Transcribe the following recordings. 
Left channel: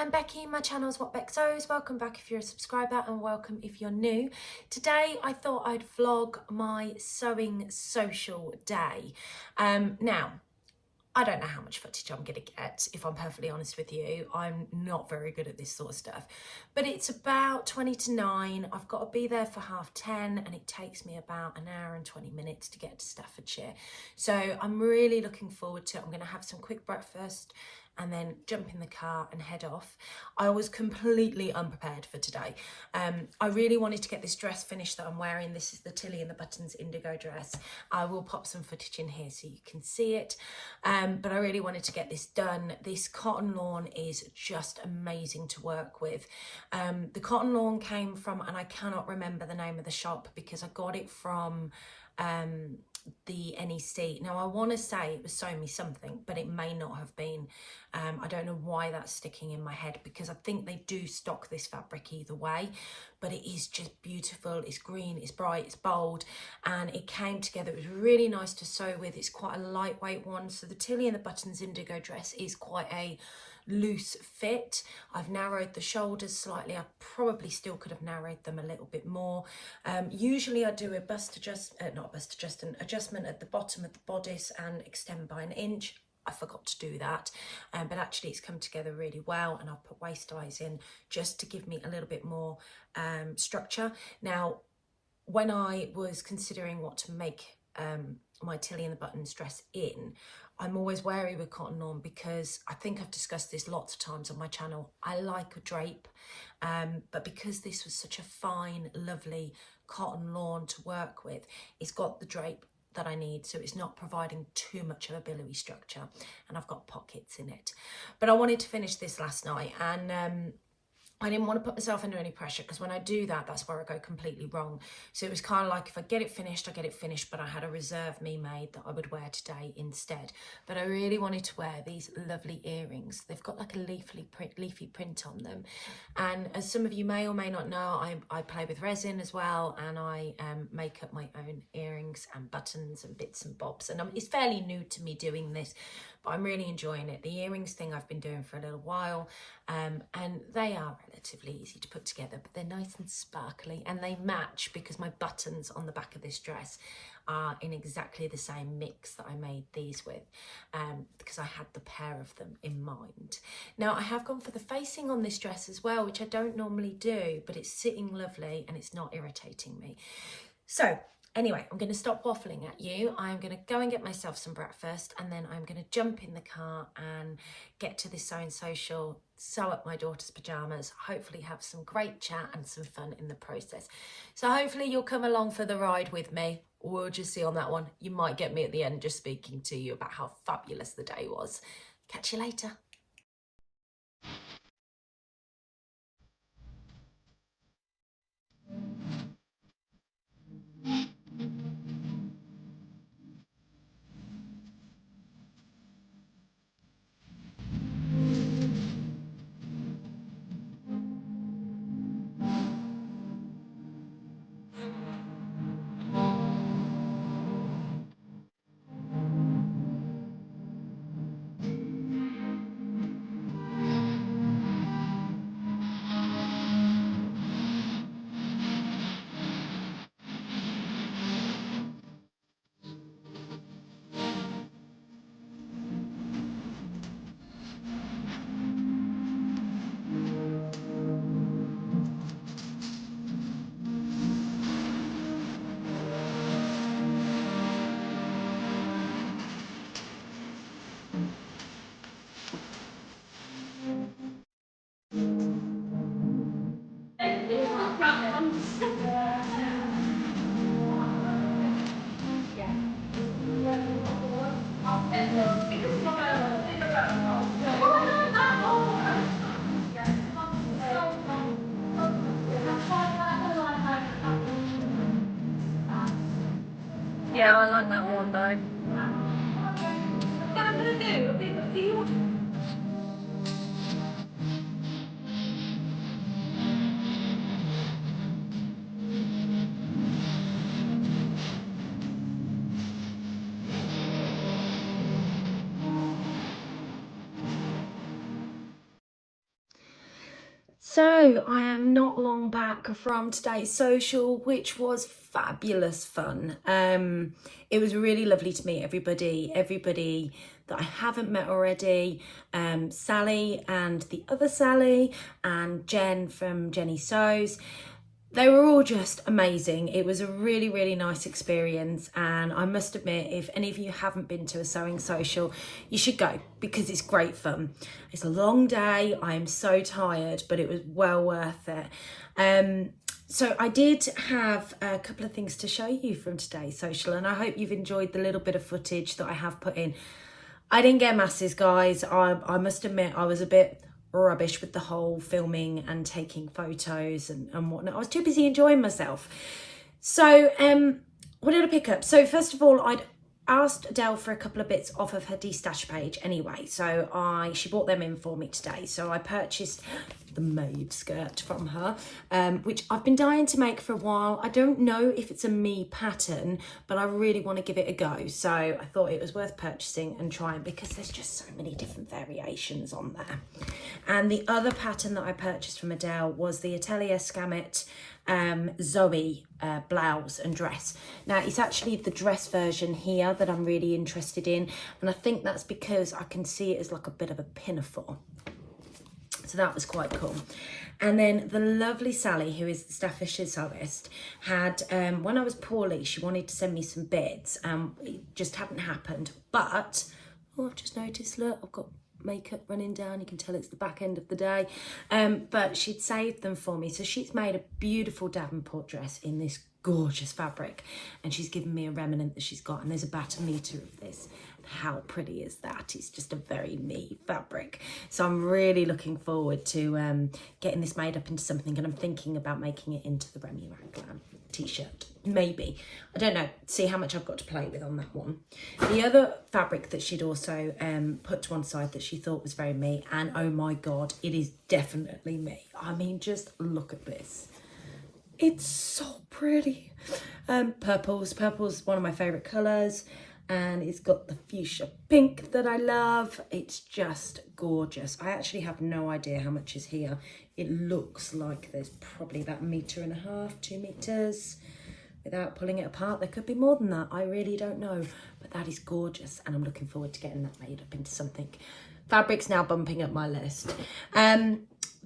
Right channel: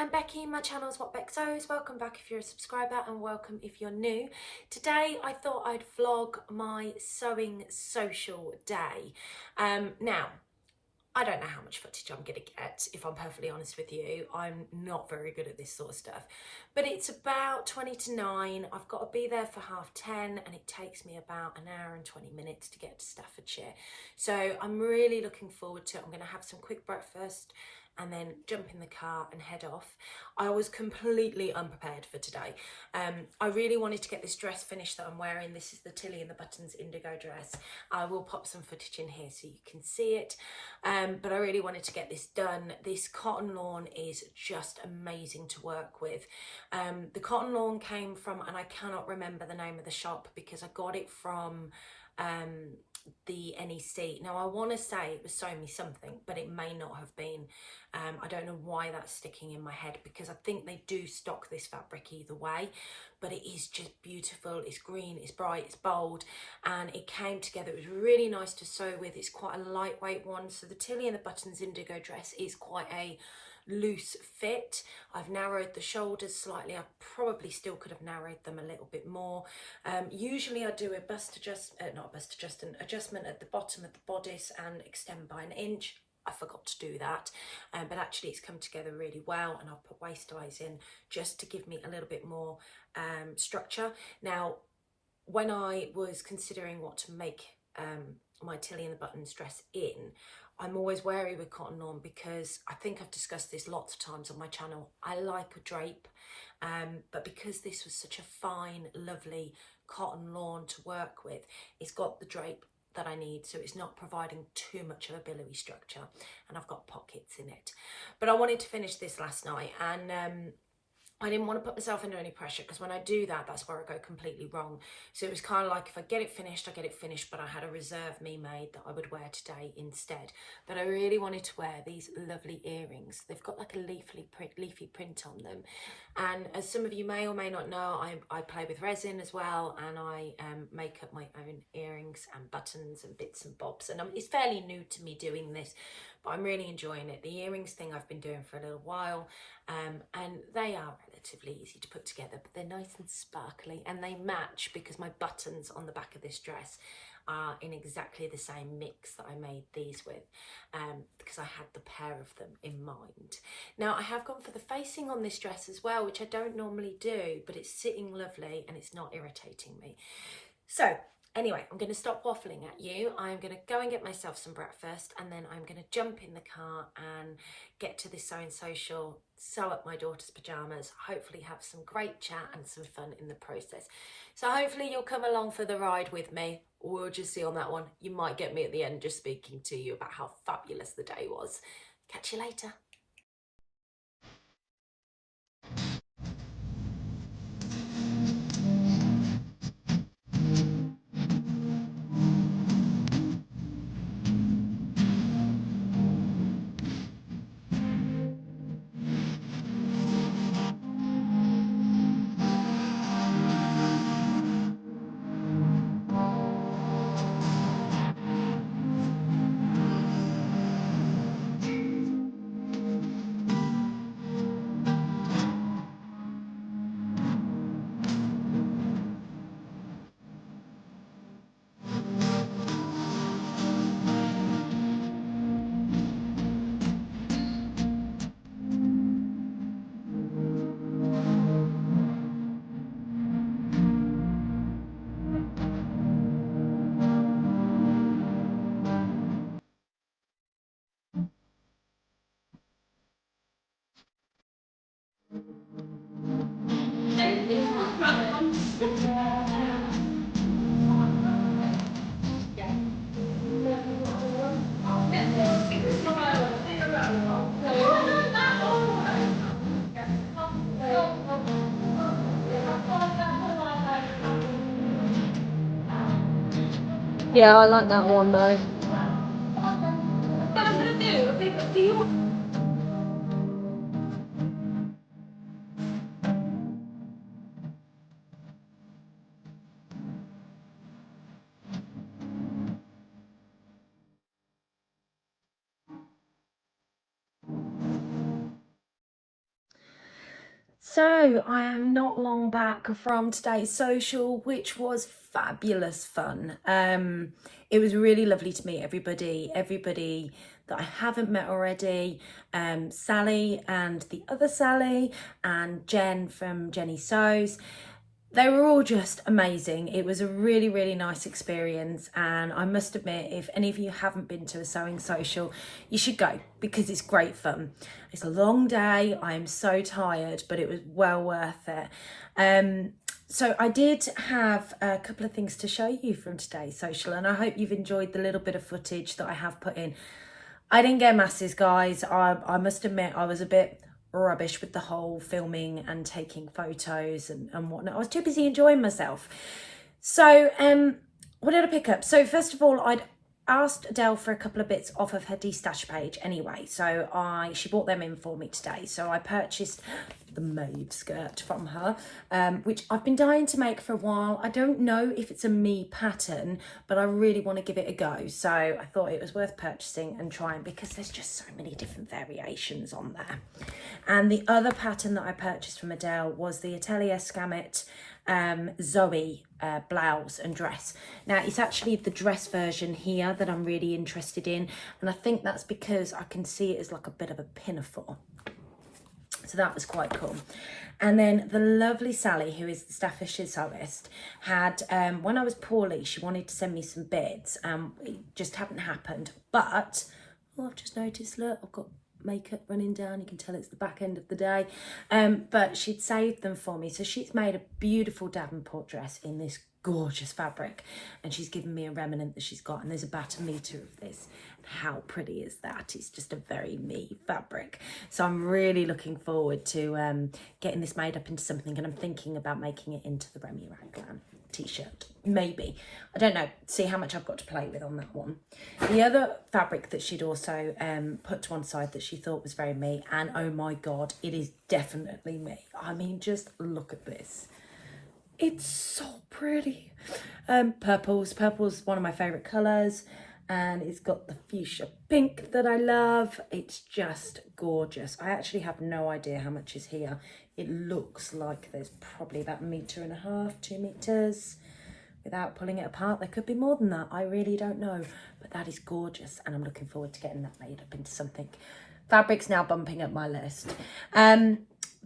I'm Becky, my channel's What Beck Sews. Welcome back if you're a subscriber and welcome if you're new. Today I thought I'd vlog my sewing social day. Now, I don't know how much footage I'm going to get, if I'm perfectly honest with you. I'm not very good at this sort of stuff. But it's about 20 to 9. I've got to be there for 10:30 and it takes me about an hour and 20 minutes to get to Staffordshire. So I'm really looking forward to it. I'm going to have some quick breakfast and then jump in the car and head off. I was completely unprepared for today. I really wanted to get this dress finished that I'm wearing. This is the Tilly and the Buttons indigo dress. I will pop some footage in here so you can see it. But I really wanted to get this done. This cotton lawn is just amazing to work with. The cotton lawn came from, and I cannot remember the name of the shop because I got it from the NEC. Now I want to say it was Sew Me Something, but it may not have been. I don't know why that's sticking in my head because I think they do stock this fabric either way, but it is just beautiful. It's green, it's bright, it's bold, and it came together. It was really nice to sew with. It's quite a lightweight one. So the Tilly and the Buttons indigo dress is quite a loose fit. I've narrowed the shoulders slightly. I probably still could have narrowed them a little bit more. Usually I do a adjustment at the bottom of the bodice and extend by 1 inch. I forgot to do that, but actually it's come together really well, and I'll put waist eyes in just to give me a little bit more structure. Now, when I was considering what to make my Tilly and the Buttons dress in, I'm always wary with cotton lawn because I think I've discussed this lots of times on my channel. I like a drape, but because this was such a fine, lovely cotton lawn to work with, it's got the drape that I need, so it's not providing too much of a billowy structure, and I've got pockets in it. But I wanted to finish this last night, and I didn't want to put myself under any pressure because when I do that, that's where I go completely wrong. So it was kind of like, if I get it finished, I get it finished, but I had a reserve me made that I would wear today instead. But I really wanted to wear these lovely earrings. They've got like a leafy print on them. And as some of you may or may not know, I play with resin as well, and I make up my own earrings and buttons and bits and bobs. And it's fairly new to me doing this, but I'm really enjoying it. The earrings thing I've been doing for a little while, and they are relatively easy to put together, but they're nice and sparkly, and they match because my buttons on the back of this dress are in exactly the same mix that I made these with, because I had the pair of them in mind. Now I have gone for the facing on this dress as well, which I don't normally do, but it's sitting lovely and it's not irritating me. So anyway, I'm going to stop waffling at you. I'm going to go and get myself some breakfast, and then I'm going to jump in the car and get to this sewing social, sew up my daughter's pyjamas, hopefully have some great chat and some fun in the process. So hopefully you'll come along for the ride with me. We'll just see on that one. You might get me at the end just speaking to you about how fabulous the day was. Catch you later. Yeah, I like that one though. What I'm gonna do you want? So I am not long back from today's social, which was fabulous fun. It was really lovely to meet everybody that I haven't met already. Sally and the other Sally and Jen from Jenny Sews. They were all just amazing. It was a really, really nice experience. And I must admit, if any of you haven't been to a sewing social, you should go because it's great fun. It's a long day. I am so tired, but it was well worth it. So I did have a couple of things to show you from today's social, and I hope you've enjoyed the little bit of footage that I have put in. I didn't get masses, guys. I must admit I was a bit rubbish with the whole filming and taking photos and whatnot. I was too busy enjoying myself. So what did I pick up? So first of all, I'd asked Adele for a couple of bits off of her de-stash page anyway, so she brought them in for me today. So I purchased the mauve skirt from her, which I've been dying to make for a while. I don't know if it's a me pattern, but I really want to give it a go. So I thought it was worth purchasing and trying because there's just so many different variations on there. And the other pattern that I purchased from Adele was the Atelier Scammit Zoe blouse and dress. Now it's actually the dress version here that I'm really interested in, and I think that's because I can see it as like a bit of a pinafore. So that was quite cool. And then the lovely Sally, who is the Staffordshire sewist, had, when I was poorly, she wanted to send me some bits. It just hadn't happened. But, oh, I've just noticed, look, I've got makeup running down. You can tell it's the back end of the day. But she'd saved them for me. So she's made a beautiful Davenport dress in this gorgeous fabric. And she's given me a remnant that she's got. And there's about 1 metre of this. How pretty is that? It's just a very me fabric. So I'm really looking forward to getting this made up into something, and I'm thinking about making it into the Remy Raglan t-shirt. Maybe. I don't know. See how much I've got to play with on that one. The other fabric that she'd also put to one side that she thought was very me, and oh my God, it is definitely me. I mean, just look at this. It's so pretty. Purple's one of my favourite colours. And it's got the fuchsia pink that I love. It's just gorgeous. I actually have no idea how much is here. It looks like there's probably about 1.5 meters, 2 meters. Without pulling it apart, there could be more than that. I really don't know. But that is gorgeous. And I'm looking forward to getting that made up into something. Fabric's now bumping up my list.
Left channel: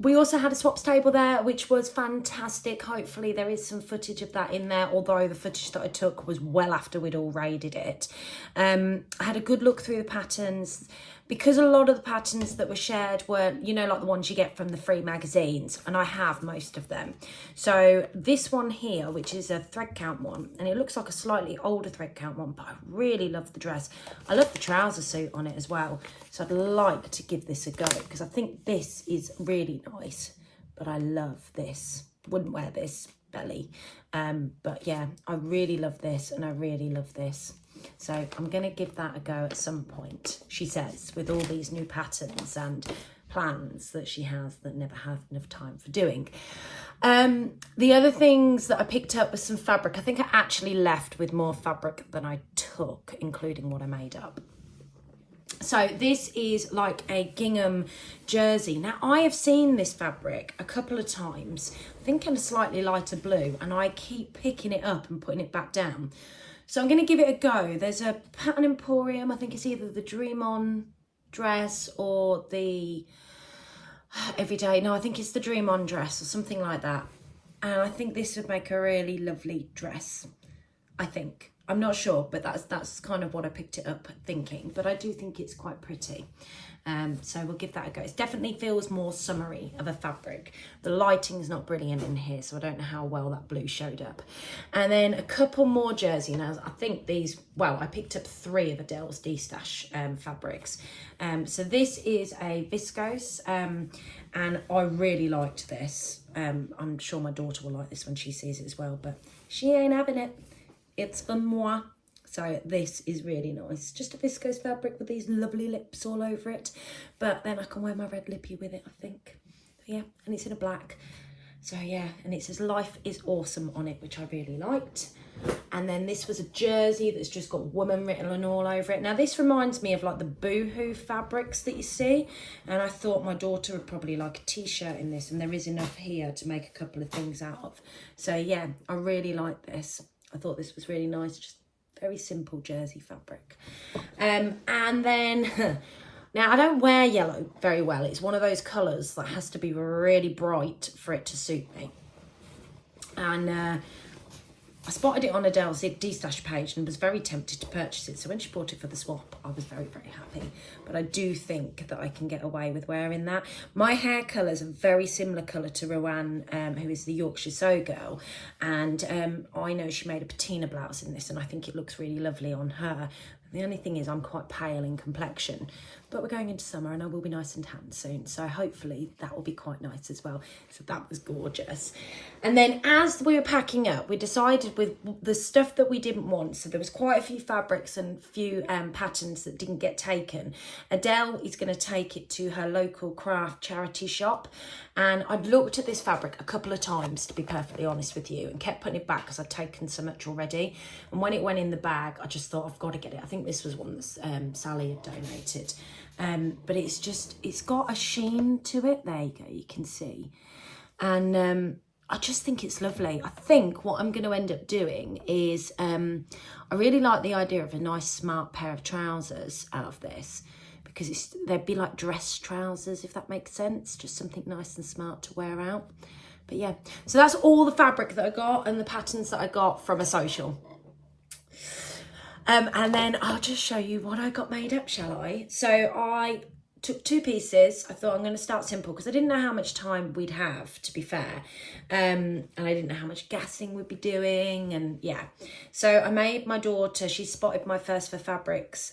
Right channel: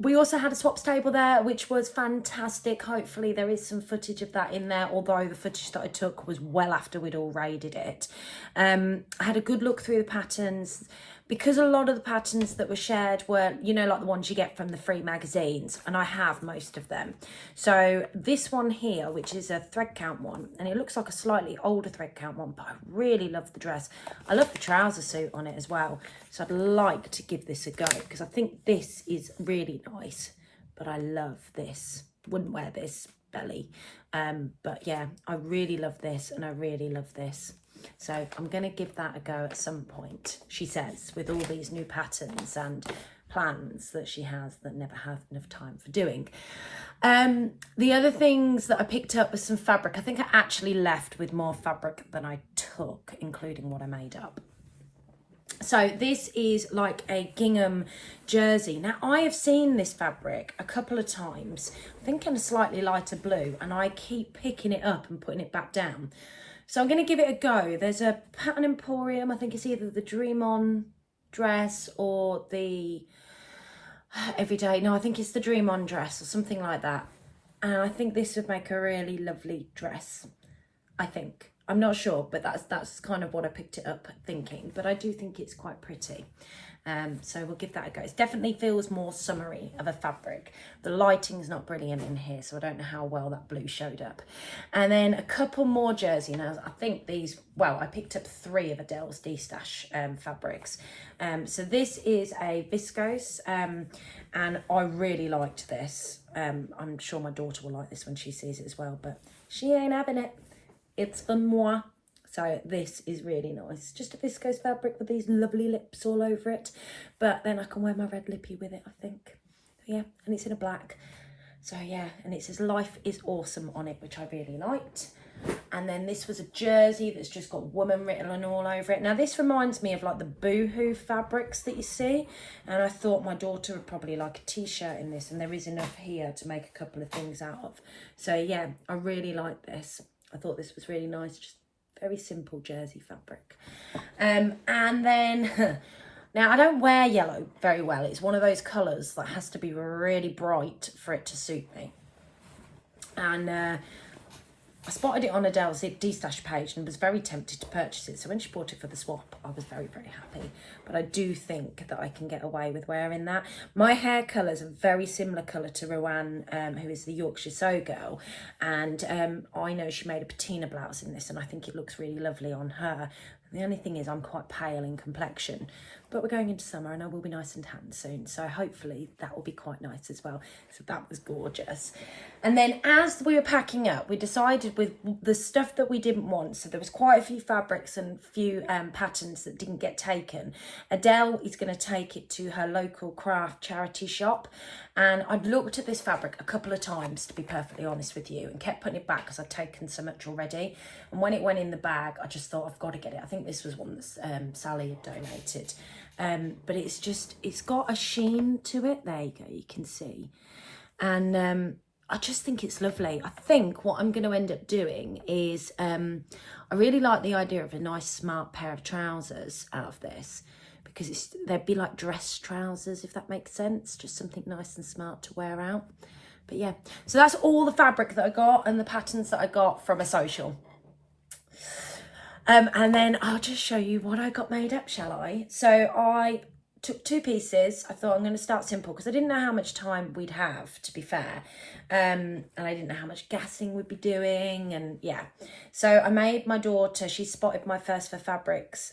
We also had a swaps table there, which was fantastic. Hopefully there is some footage of that in there, although the footage that I took was well after we'd all raided it. I had a good look through the patterns, because a lot of the patterns that were shared were, you know, like the ones you get from the free magazines, and I have most of them. So this one here, which is a thread count one, and it looks like a slightly older thread count one, but I really love the dress. I love the trouser suit on it as well. So I'd like to give this a go because I think this is really nice, but I love this. Wouldn't wear this belly. But yeah, I really love this and I really love this. So I'm going to give that a go at some point, she says, with all these new patterns and plans that she has that never have enough time for doing. The other things that I picked up was some fabric. I think I actually left with more fabric than I took, including what I made up. So this is like a gingham jersey. Now, I have seen this fabric a couple of times, I think in a slightly lighter blue, and I keep picking it up and putting it back down. So I'm going to give it a go. There's a Pattern Emporium. I think it's either the Dream On dress or the Everyday. No, I think it's the Dream On dress or something like that. And I think this would make a really lovely dress, I think. I'm not sure, but that's kind of what I picked it up thinking. But I do think it's quite pretty. So we'll give that a go. It definitely feels more summery of a fabric. The lighting's not brilliant in here, so I don't know how well that blue showed up. And then a couple more jersey. Now, I think these, well, I picked up 3 of Adele's de-stash fabrics. So this is a viscose, and I really liked this. I'm sure my daughter will like this when she sees it as well, but she ain't having it. It's for moi. So this is really nice. Just a viscose fabric with these lovely lips all over it. But then I can wear my red lippy with it, I think. Yeah, and it's in a black. So yeah, and it says Life is Awesome on it, which I really liked. And then this was a jersey that's just got woman written all over it. Now this reminds me of like the boohoo fabrics that you see. And I thought my daughter would probably like a t-shirt in this, and there is enough here to make a couple of things out of. So yeah, I really like this. I thought this was really nice, just very simple jersey fabric. And then, now I don't wear yellow very well. It's one of those colours that has to be really bright for it to suit me. And I spotted it on Adele's D-Stash page and was very tempted to purchase it. So when she bought it for the swap, I was very, very happy. But I do think that I can get away with wearing that. My hair colour is a very similar colour to Rowan, who is the Yorkshire Sew Girl. And I know she made a patina blouse in this, and I think it looks really lovely on her. The only thing is I'm quite pale in complexion, but we're going into summer and I will be nice and tan soon. So hopefully that will be quite nice as well. So that was gorgeous. And then as we were packing up, we decided with the stuff that we didn't want. So there was quite a few fabrics and few patterns that didn't get taken. Adele is going to take it to her local craft charity shop. And I'd looked at this fabric a couple of times, to be perfectly honest with you, and kept putting it back because I'd taken so much already. And when it went in the bag, I just thought, I've got to get it. I think this was one that Sally had donated. But it's got a sheen to it. There you go, you can see. And I just think it's lovely. I think what I'm going to end up doing is, I really like the idea of a nice smart pair of trousers out of this, because they'd be like dress trousers, if that makes sense. Just something nice and smart to wear out. But yeah, so that's all the fabric that I got and the patterns that I got from a social. And then I'll just show you what I got made up, shall I? So I took 2 pieces. I thought I'm going to start simple because I didn't know how much time we'd have, to be fair. And I didn't know how much gassing we'd be doing, and yeah. So I made my daughter, she spotted my First for Fabrics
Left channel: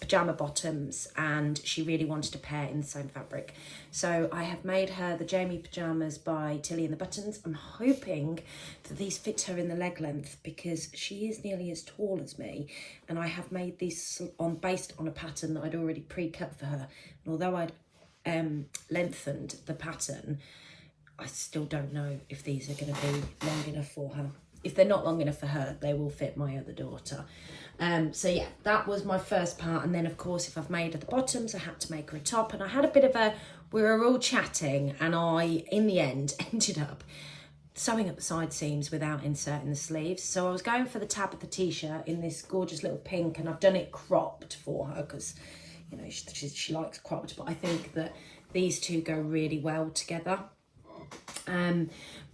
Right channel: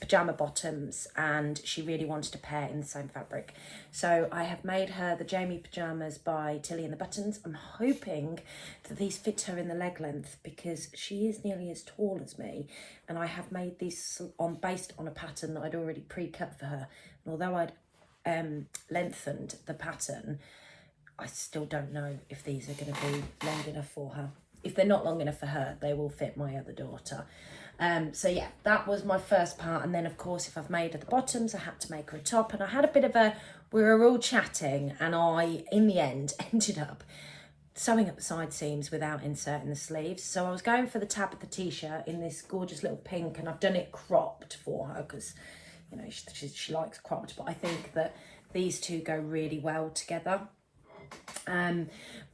pyjama bottoms, and she really wanted a pair in the same fabric. So I have made her the Jamie pyjamas by Tilly and the Buttons. I'm hoping that these fit her in the leg length because she is nearly as tall as me, and I have made these based on a pattern that I'd already pre-cut for her. And although I'd lengthened the pattern, I still don't know if these are going to be long enough for her. If they're not long enough for her, they will fit my other daughter. So yeah, that was my first part. And then of course, if I've made her the bottoms, I had to make her a top. And I had a bit of we were all chatting, and I, in the end, ended up sewing up the side seams without inserting the sleeves. So I was going for the Tabitha T-shirt in this gorgeous little pink, and I've done it cropped for her because, you know, she likes cropped, but I think that these two go really well together.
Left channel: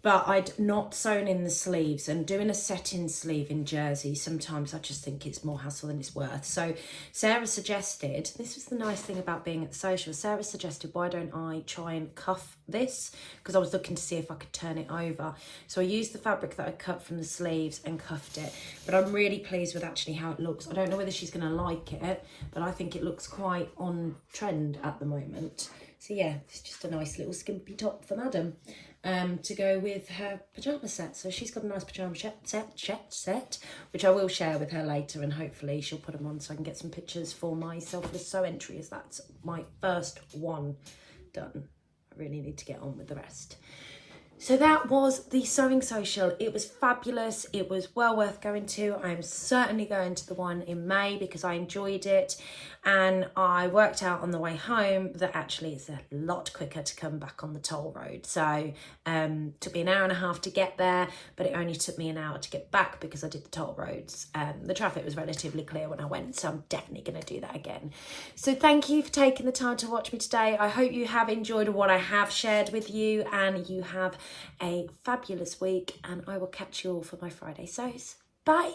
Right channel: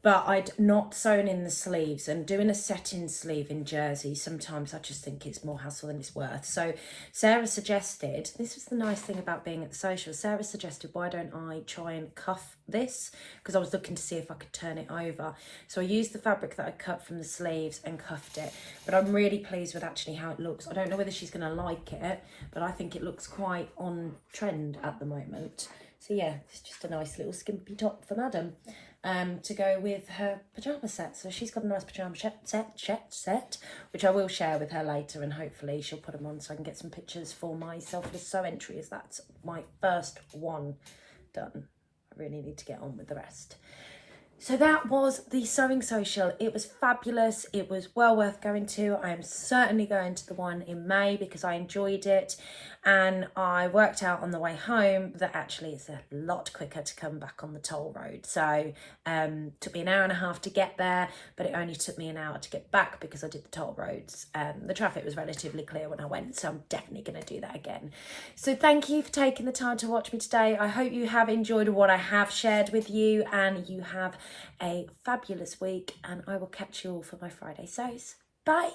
But I'd not sewn in the sleeves, and doing a set-in sleeve in jersey, sometimes I just think it's more hassle than it's worth. So Sarah suggested, this was the nice thing about being at the social, Sarah suggested, why don't I try and cuff this? Because I was looking to see if I could turn it over. So I used the fabric that I cut from the sleeves and cuffed it. But I'm really pleased with actually how it looks. I don't know whether she's going to like it, but I think it looks quite on trend at the moment. So yeah, it's just a nice little skimpy top for Madam. To go with her pyjama set. So she's got a nice pyjama set, which I will share with her later, and hopefully she'll put them on so I can get some pictures for my selfless sew entry, as that's my first one done. I really need to get on with the rest. So that was the sewing social. It was fabulous. It was well worth going to. I am certainly going to the one in May because I enjoyed it. And I worked out on the way home that actually it's a lot quicker to come back on the toll road. So took me an hour and a half to get there, but it only took me an hour to get back because I did the toll roads. The traffic was relatively clear when I went, so I'm definitely going to do that again. So thank you for taking the time to watch me today. I hope you have enjoyed what I have shared with you, and you have a fabulous week, and I will catch you all for my Friday sews. Bye.